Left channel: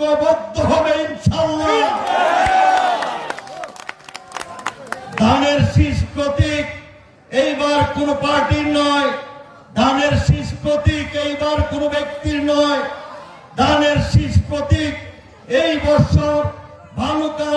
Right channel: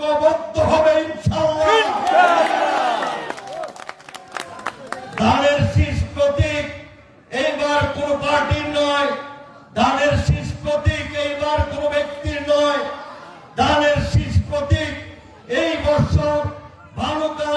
ঐক্যবদ্ধ হবে ইনশাআল্লাহ। ধানের শীষ প্রতীক এইবার কোন পার্টির নয়, ধানের শীষ প্রতীক এইবার কোন ব্যক্তির নয়, ধানের শীষ প্রতীক এই বছর ভালুকার